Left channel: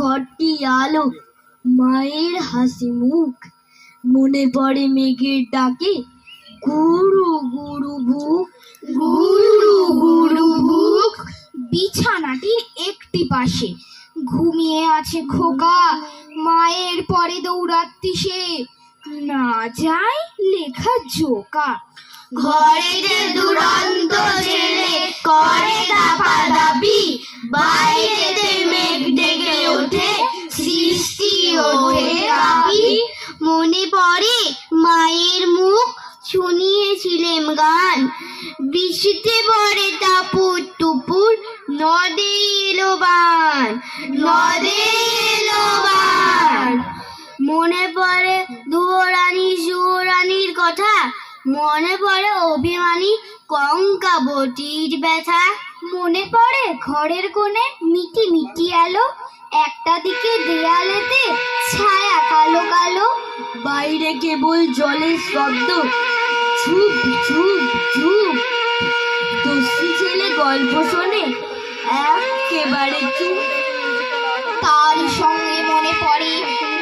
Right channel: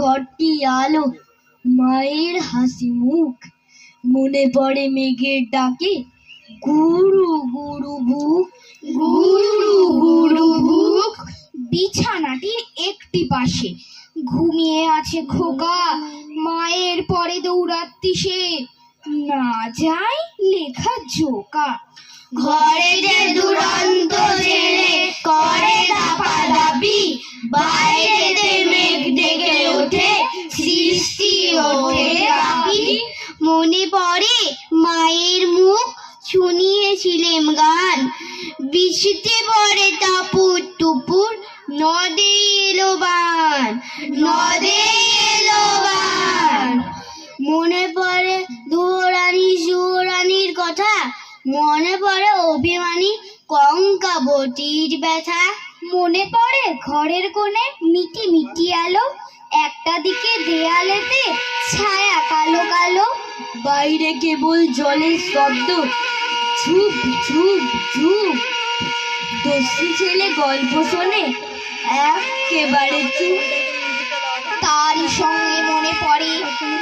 ঘরটি আলো, মায়ের হাসি মুখ, মনে পড়ে মেঘের ডাকে গুরু গুরু বুক, গুরু গুরু বুক। বিছানাটির একটি পাশে ঘুমিয়ে আছে খোকা, মায়ের পরে দৌড়াচ্ছি সে, না যায় লেখা জোকা। ঘরে যে দুরন্ত ছেলে করে দাপাদাপি, বাইরেতে মেঘ ডেকে ওঠে, সৃষ্টি ওঠে কাঁপি। মনে পড়ে মায়ের মুখ, শুনিয়েছিলেম গান, বৃষ্টিতে পড়ে টাপুর টুপুর, নদে এলো বান, নদে এলো বান। মনে পড়ে যুবরানীর কথা, মনে পড়ে অভিমানী কঙ্কাবতীর ব্যথা। মনে পড়ে ঘরের কোণে মিটি মিটি আলো, একটা দিকে দেয়ালেতে ছায়া কালো কালো, বাইরে কেবল জলের শব্দ, ঝুপ ঝুপ ঝুপ। দস্যি ছেলে গল্প শোনে, একেবারে চুপ। তারই সঙ্গে মনে পড়ে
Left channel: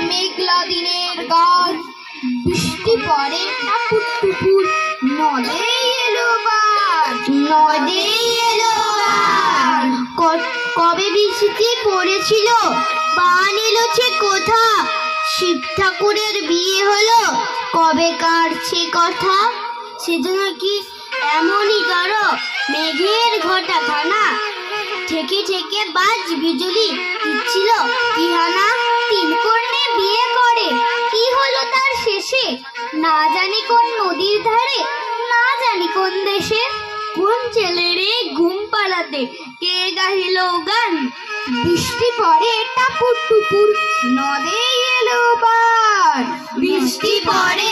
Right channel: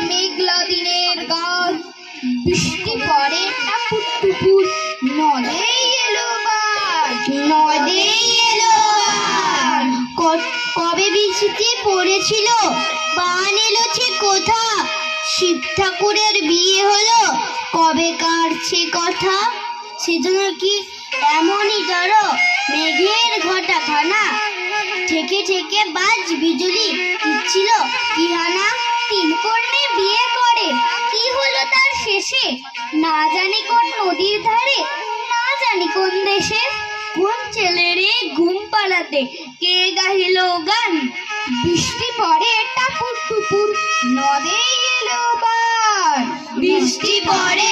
মেঘলা দিনের গান, বৃষ্টি পড়ে টাপুর টুপুর, নদে এলো বান, নদে এলো বান। কবে বৃষ্টি পড়েছিল, বান এলো সে কোথা, শিব ঠাকুরের বিয়ে হলো, কবে কাটছে কথা। সেজন্য কি এমনই তর মেঘের ঘটা খানা, থেকে থেকে বাজ বিজুলি দিচ্ছিল ইহানা। তিন কন্যে বিয়ে করে, কি হলো তার শেষে, না জানি কোন নদীর ধারে, না জানি কোন দেশে। কোন ছেলেরে ঘুম পাড়াতে কে গাহিল গান, বৃষ্টি পড়ে টাপুর টুপুর, নদে এলো বান, বৃষ্টি পড়ে